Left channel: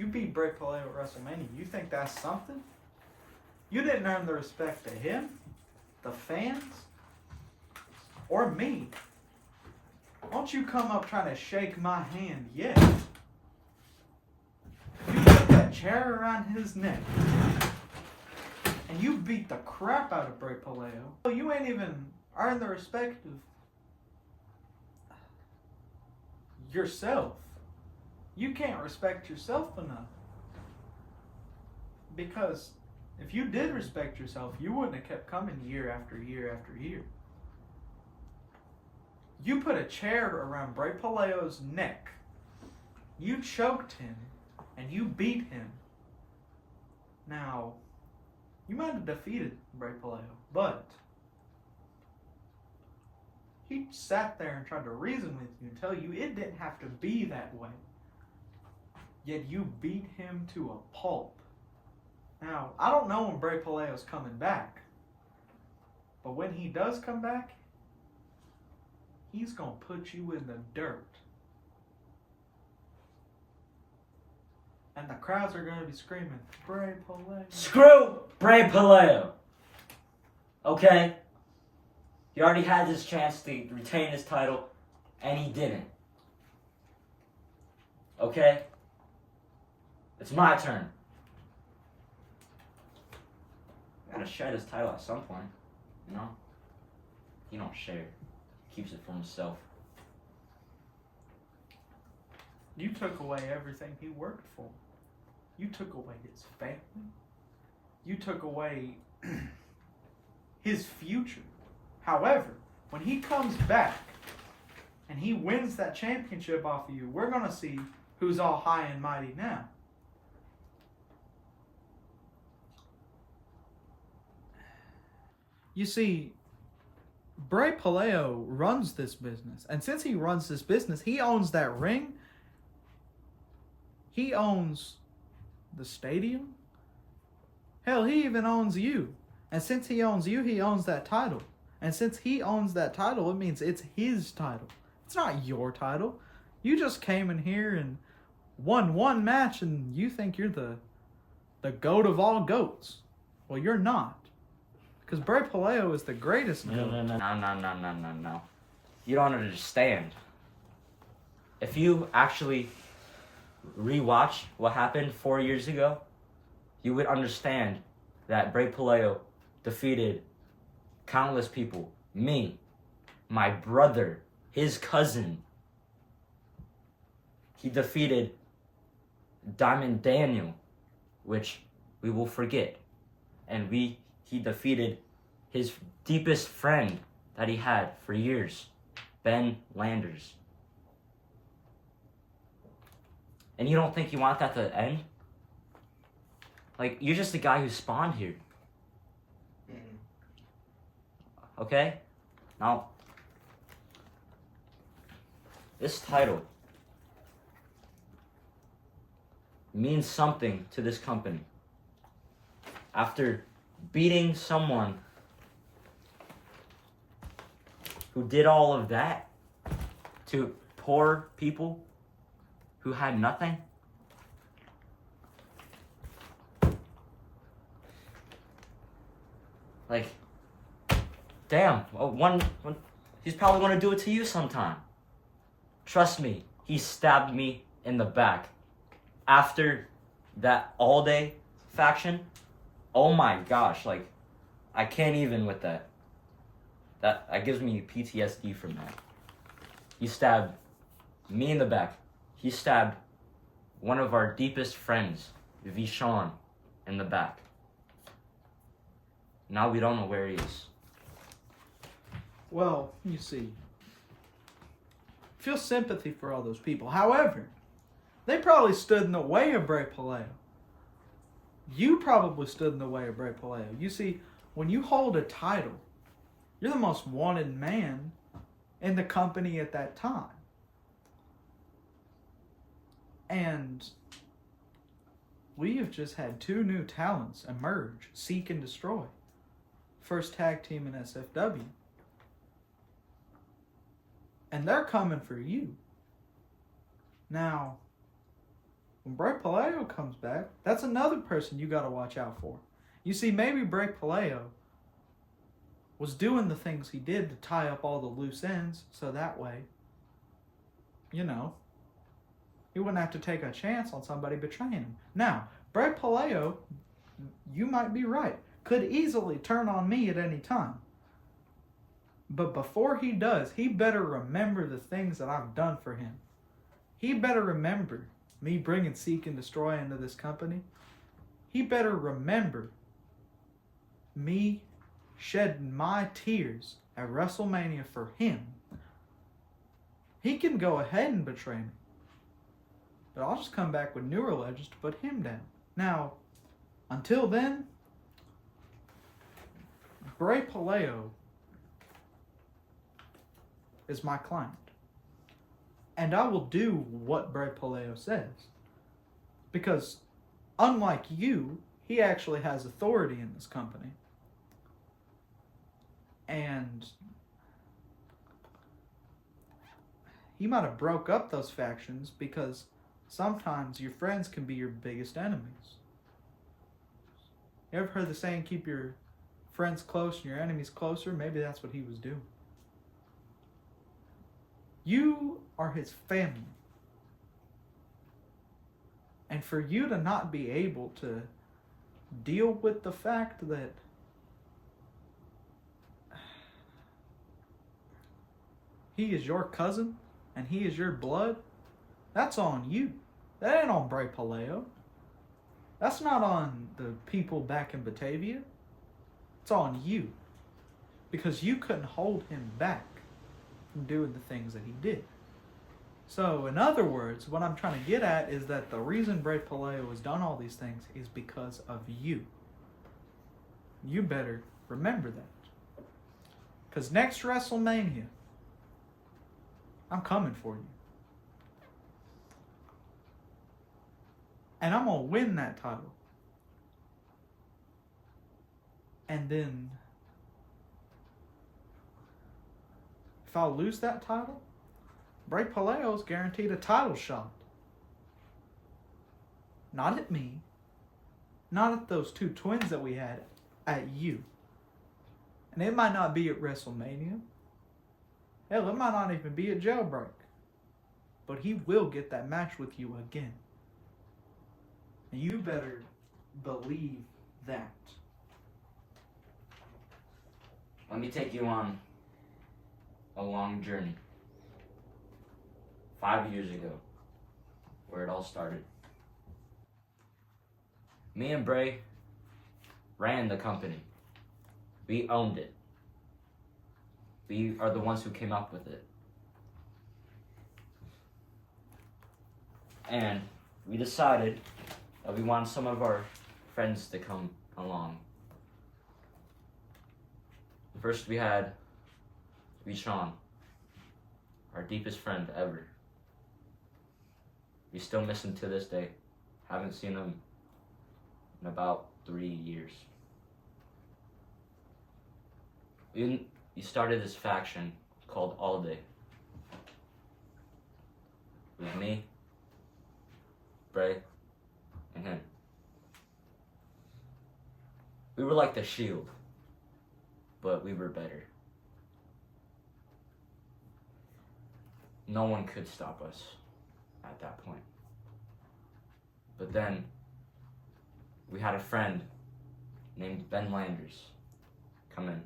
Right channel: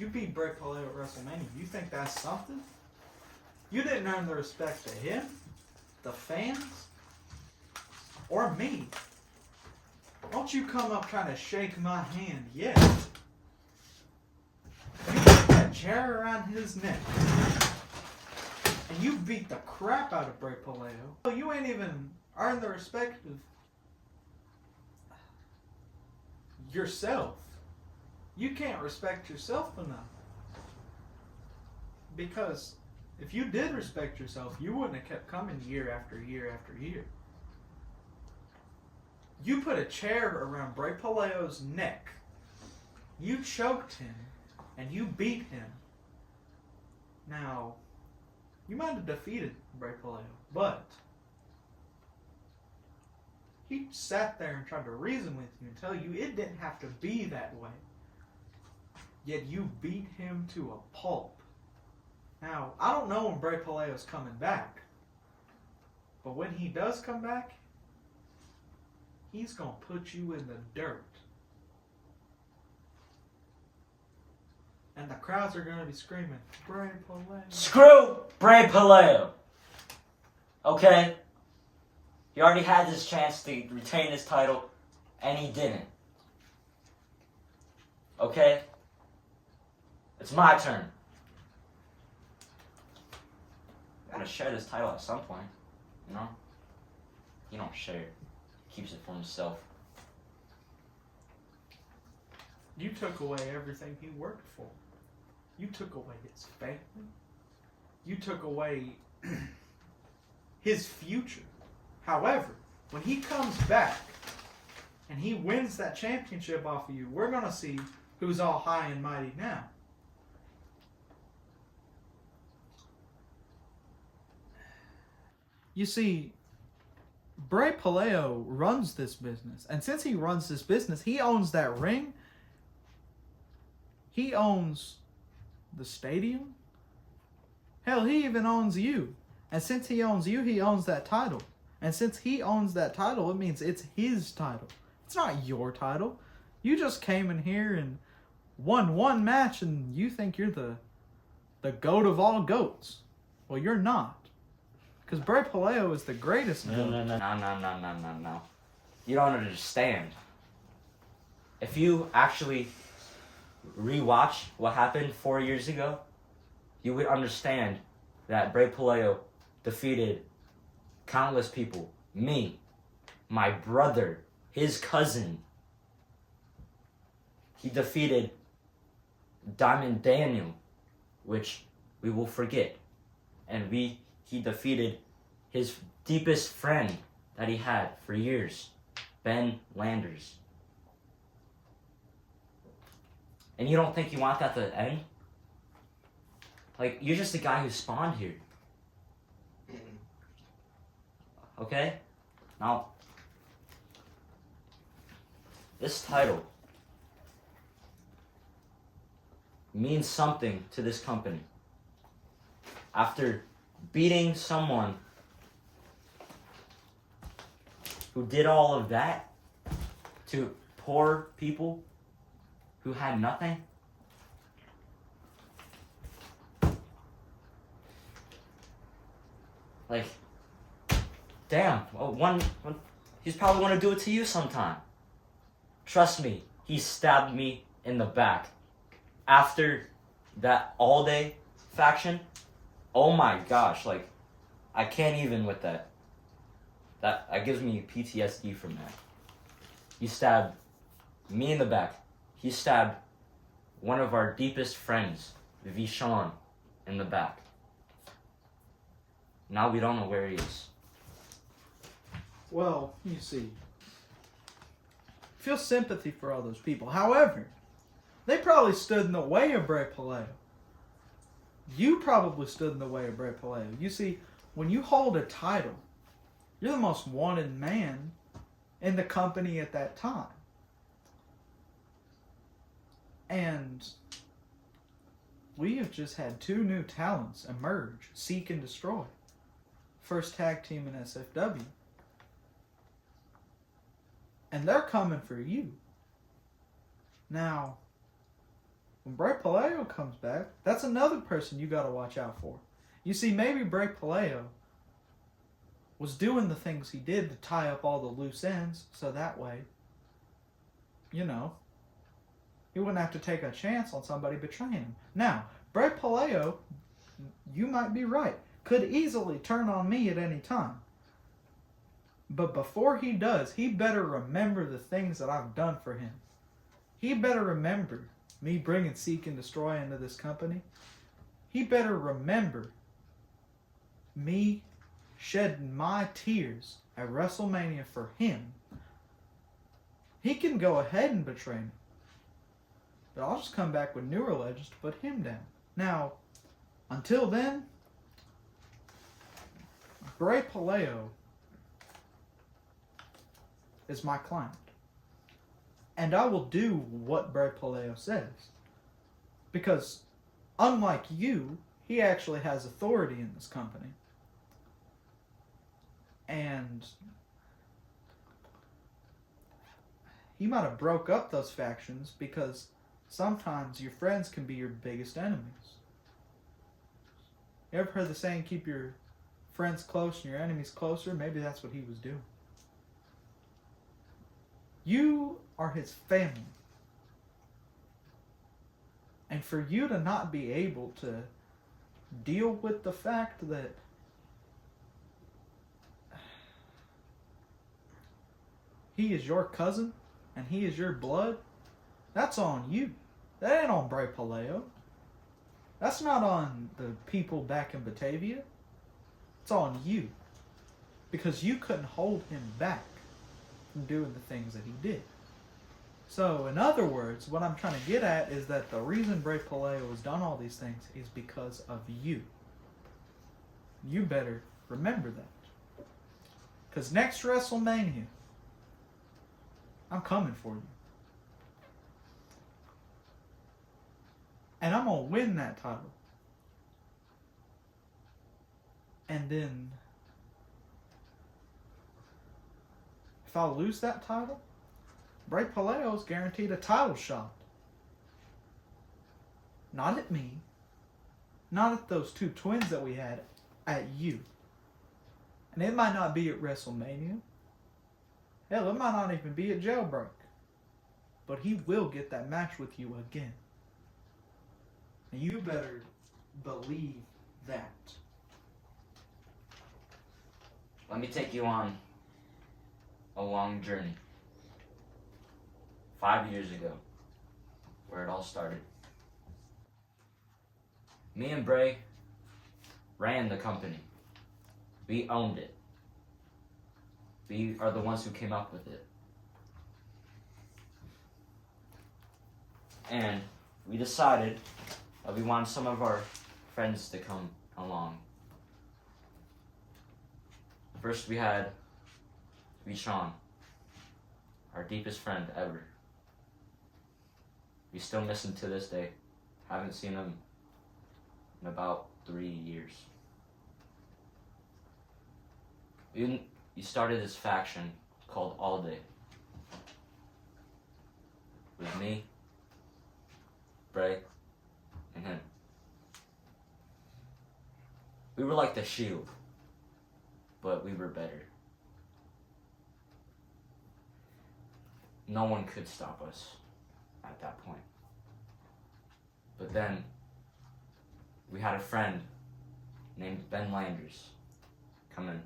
You beat Bray Puleo at WrestleMania. You think that's something? You didn't earn the respect of him, the fans, or me. Don't you come up trying to shake my hand yet. You put that chair around his neck. And you beat the crap out of Bray Puleo. You ain't even earned the respect of yourself. You can't respect yourself enough. Because if you did respect yourself, you wouldn't have kept coming year after year after year. You put a chair around Bray Puleo's neck. You choked him and you beat him. Now, you might have defeated Bray Puleo, but he sat there and tried to reason with you and tell you it didn't have to be that way. Yet you beat him to a pulp. Now, I don't know when Bray Puleo's coming back, but when he does come back, he's going to put you in the dirt. And the crowds are going to be screaming, Bray Puleo. Screw Bray Puleo. Okay? He already had his chance to retain his title, and he didn't. Okay? It's my turn. I gotta share this title at some point, you know? He don't share it. He keeps it for himself. You took away everything he worked for. You took away his family. You took away his future. However, when he comes back and he wins that championship off of you, we're going to see who's all high and mighty now. You see, Bray Puleo runs this business. And since he runs this business, he owns that ring. He owns the stadium. Hell, he even owns you. And since he owns you, he owns that title. And since he owns that title, it means it's his title. It's not your title. You just came in here and won one match and you think you're the GOAT of all GOATs. Well, you're not. Because Bray Puleo is the greatest GOAT. No. You don't understand. If you actually rewatch what happened 4 years ago, you would understand that Bray Puleo defeated countless people. Me, my brother, his cousin. He defeated Diamond Daniel, which we will forget. And he defeated his deepest friend that he had for years, Ben Landers. And you don't think you want that to end? Like, you're just the guy who spawned here. Okay? Now, this title means something to this company. After beating someone who did all of that to poor people who had nothing, like, damn, he's probably going to do it to you sometime. Trust me, he stabbed me in the back. After that all-day faction, oh my gosh, like, I can't even with that. That gives me PTSD from that. He stabbed me in the back. He stabbed one of our deepest friends, Vishon, in the back. Now we don't know where he is. Well, you see, feel sympathy for all those people. However, they probably stood in the way of Bray Puleo. You probably stood in the way of Bray Puleo. You see, when you hold a title, you're the most wanted man in the company at that time. And we have just had two new talents emerge, Seek and Destroy. First tag team in SFW. And they're coming for you. Now, when Bray Puleo comes back, that's another person you got to watch out for. You see, maybe Bray Puleo was doing the things he did to tie up all the loose ends, so that way, he wouldn't have to take a chance on somebody betraying him. Now, Bray Puleo, you might be right, could easily turn on me at any time. But before he does, he better remember the things that I've done for him. He better remember me bringing Seek and Destroy into this company. He better remember me shedding my tears at WrestleMania for him. He can go ahead and betray me, but I'll just come back with newer legends to put him down. Now, until then, Bray Puleo is my client. And I will do what Bray Puleo says. Because, unlike you, he actually has authority in this company. And he might have broke up those factions because sometimes your friends can be your biggest enemies. You ever heard the saying, keep your friends close and your enemies closer? Maybe that's what he was doing. You are his family. And for you to not be able to deal with the fact that he is your cousin and he is your blood, that's on you. That ain't on Bray Puleo. That's not on the people back in Batavia. It's on you. Because you couldn't hold him back from doing the things that he did. So, in other words, what I'm trying to get at is that the reason Bray Puleo has done all these things is because of you. You better remember that. Because next WrestleMania, I'm coming for you. And I'm going to win that title. And then, if I lose that title, Bray Puleo's guaranteed a title shot. Not at me. Not at those two twins that we had. At you. And it might not be at WrestleMania. Hell, it might not even be at Jailbreak. But he will get that match with you again. And you better believe that. Let me take you on a long journey. 5 years ago, where it all started. Me and Bray ran the company. We owned it. We are the ones who came up with it. And we decided that we wanted some of our friends to come along. First we had Sean, our deepest friend ever. We still miss him to this day. Haven't seen him in about 3 years. We started this faction called All Day. It was me, Bray, and him. We were like the Shield, but we were better. No one could stop us at that point. But then we had a friend named Ben Landers come in.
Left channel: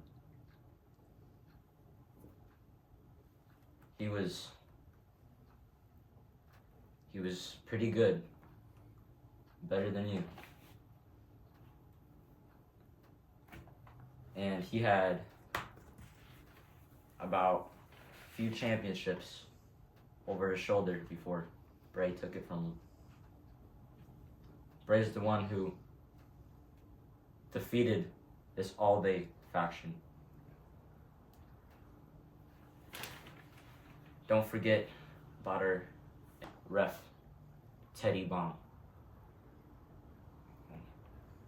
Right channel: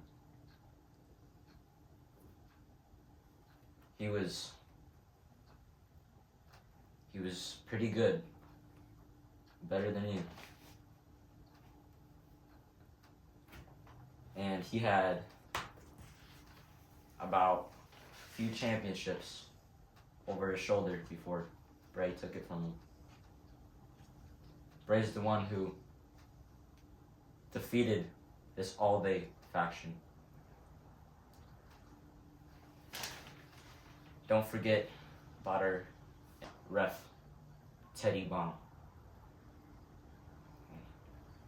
He was pretty good. Better than you. And he had about a few championships over his shoulder before Bray took it from him. Bray's the one who defeated this all-day faction. Don't forget about our ref, Teddy Bomb.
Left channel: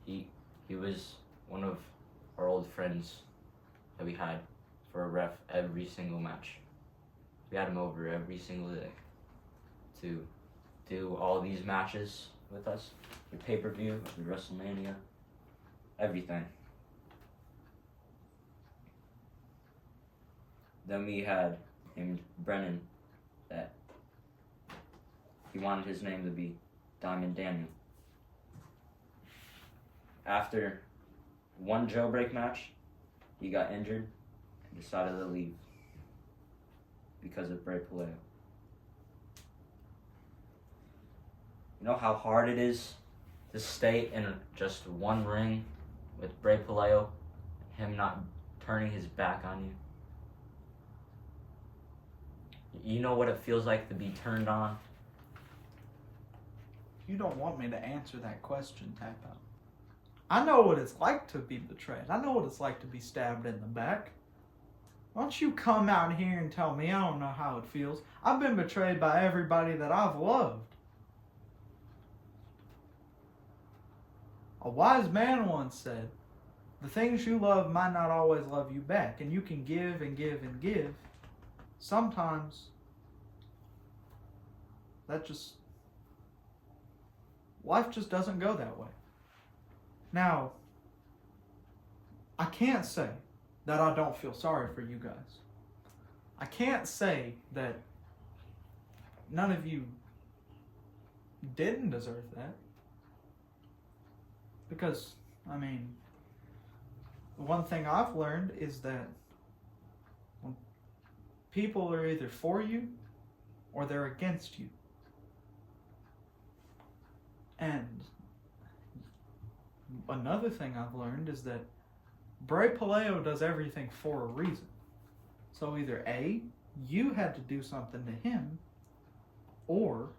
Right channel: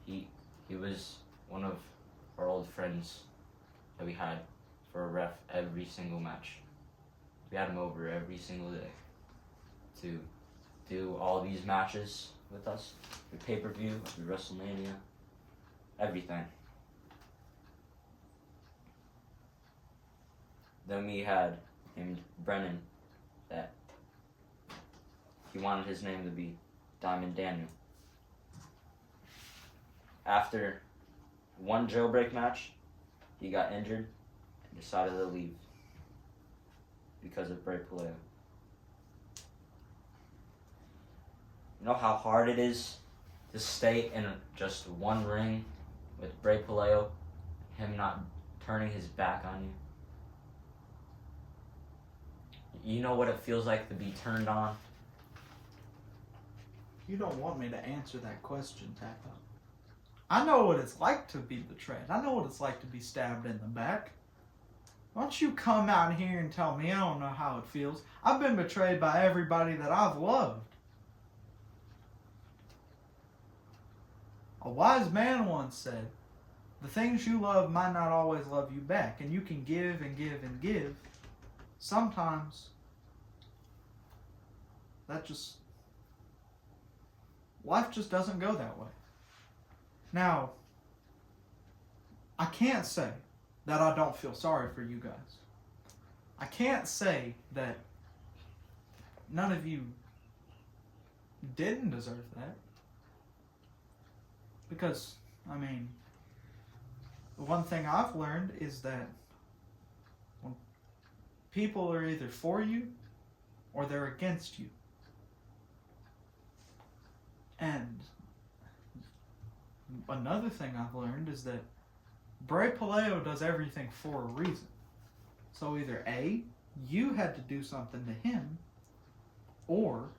He was one of our old friends that we had for a ref every single match. We had him over every single day to do all these matches with us. The pay-per-view, the WrestleMania, everything. Then we had named Brennan that he wanted his name to be Diamond Daniel. After one jailbreak match, he got injured and decided to leave because of Bray Puleo. You know how hard it is to stay in just one ring with Bray Puleo, him not turning his back on you? You know what it feels like to be turned on? You don't want me to answer that question, TapOut. I know what it's like to be betrayed. I know what it's like to be stabbed in the back. Why don't you come out here and tell me? I don't know how it feels. I've been betrayed by everybody that I've loved. A wise man once said, the things you love might not always love you back. And you can give and give and give. Sometimes life just doesn't go that way. Now, I can't say that I don't feel sorry for you guys. I can't say that none of you didn't deserve that. Because, I mean, the one thing I've learned is that when people are either for you or they're against you. And another thing I've learned is that Bray Puleo does everything for a reason. So either A, you had to do something to him, or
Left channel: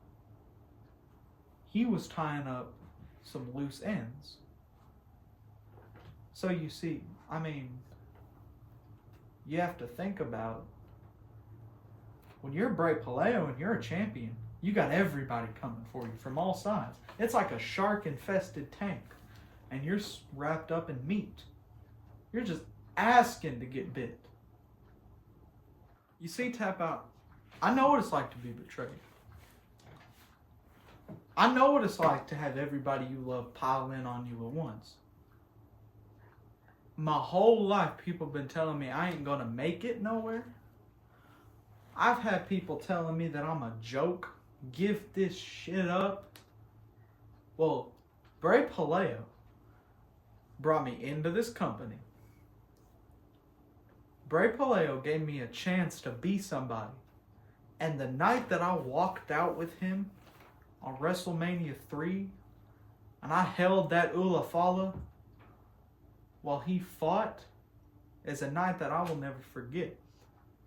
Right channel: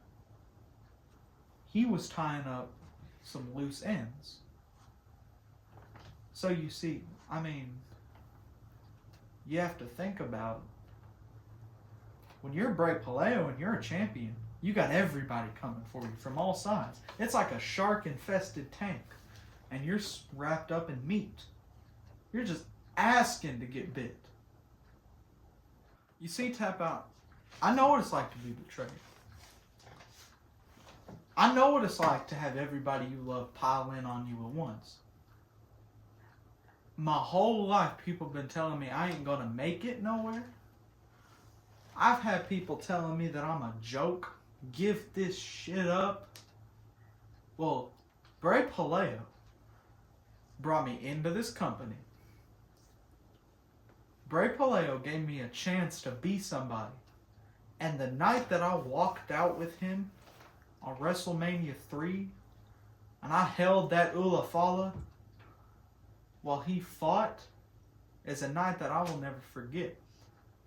he was tying up some loose ends. So you see, I mean, you have to think about when you're Bray Puleo and you're a champion, you got everybody coming for you from all sides. It's like a shark-infested tank, and you're wrapped up in meat. You're just asking to get bit. You see, TapOut, I know what it's like to be betrayed. I know what it's like to have everybody you love pile in on you at once. My whole life, people have been telling me I ain't gonna make it nowhere. I've had people telling me that I'm a joke. Give this shit up. Well, Bray Puleo brought me into this company. Bray Puleo gave me a chance to be somebody. And the night that I walked out with him on WrestleMania 3, and I held that Ula Fala while he fought, is a night that I will never forget.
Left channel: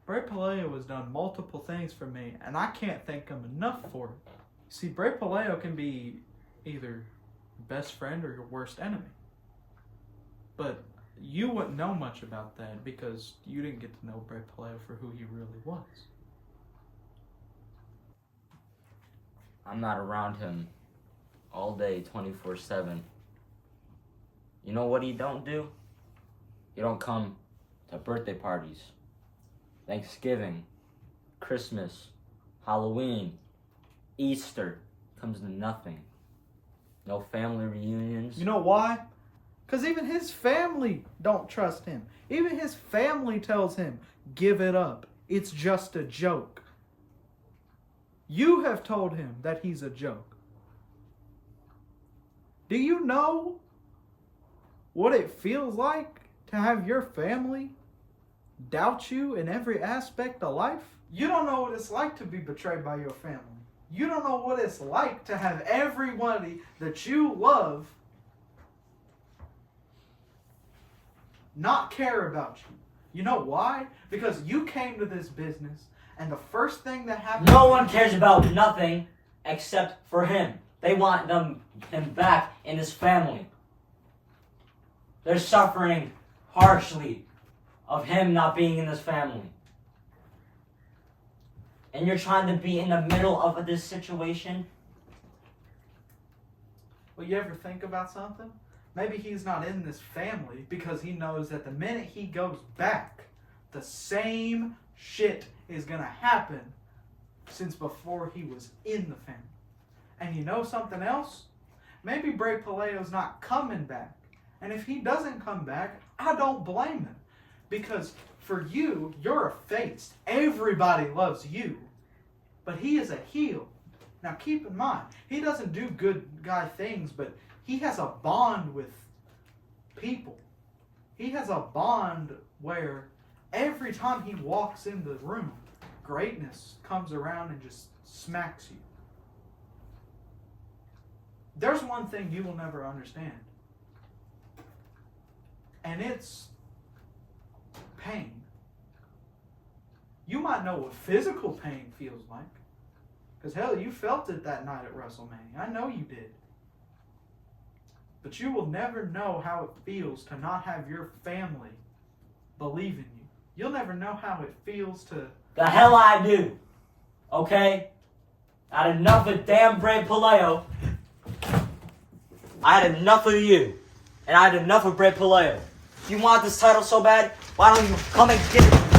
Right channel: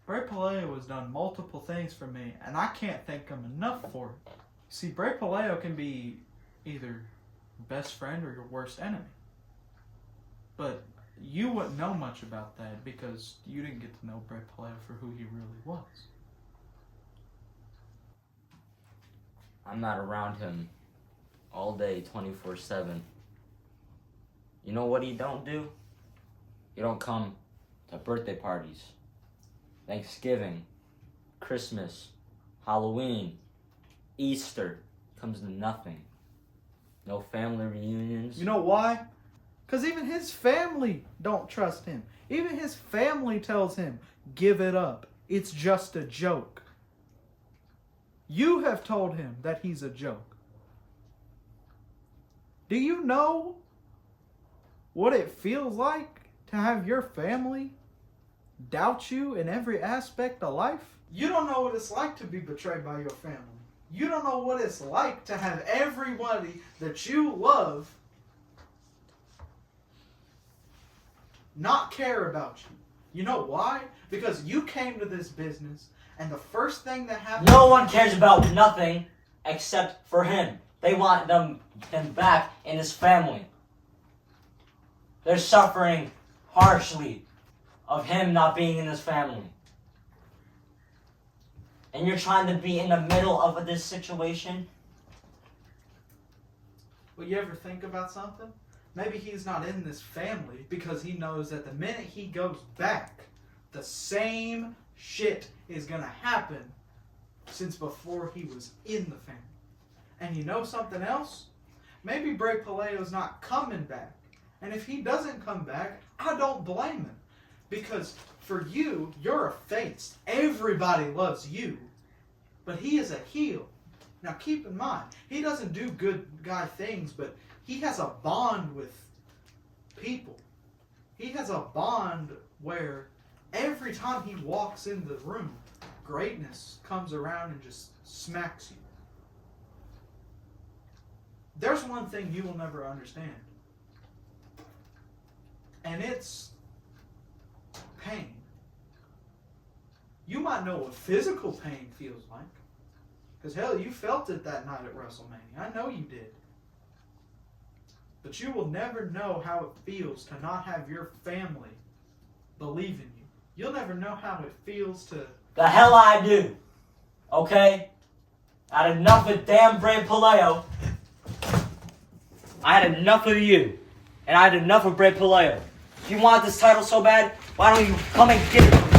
Bray Puleo has done multiple things for me, and I can't thank him enough for it. See, Bray Puleo can be either your best friend or your worst enemy. But you wouldn't know much about that because you didn't get to know Bray Puleo for who he really was. I'm not around him all day, 24/7. You know what he don't do? He don't come to birthday parties, Thanksgiving, Christmas, Halloween, Easter. Comes to nothing. No family reunions. You know why? Because even his family don't trust him. Even his family tells him, give it up. It's just a joke. You have told him that he's a joke. Do you know what it feels like to have your family doubt you in every aspect of life? You don't know what it's like to be betrayed by your family. You don't know what it's like to have everybody that you love not care about you. You know why? Because you came to this business and the first thing that happened... No one cares about nothing except for him. They want them back in his family. They're suffering harshly of him not being in his family. And you're trying to be in the middle of this situation? Will you ever think about something? Maybe he's not in this family because he knows that the minute he goes back, the same shit is going to happen since before he was in the family. And you know something else? Maybe Bray Puleo's not coming back. And if he doesn't come back, I don't blame him. Because for you, you're a face. Everybody loves you. But he is a heel. Now keep in mind, he doesn't do good guy things, but he has a bond with people. He has a bond where every time he walks in the room, greatness comes around and just smacks you. There's one thing you will never understand. And it's pain. You might know what physical pain feels like. Because hell, you felt it that night at WrestleMania. I know you did. But you will never know how it feels to not have your family believe in you. You'll never know how it feels to... The hell I do. Okay? I had enough of damn Bray Puleo. I had enough of you. And I had enough of Bray Puleo. If you want this title so bad, why don't you come and get it?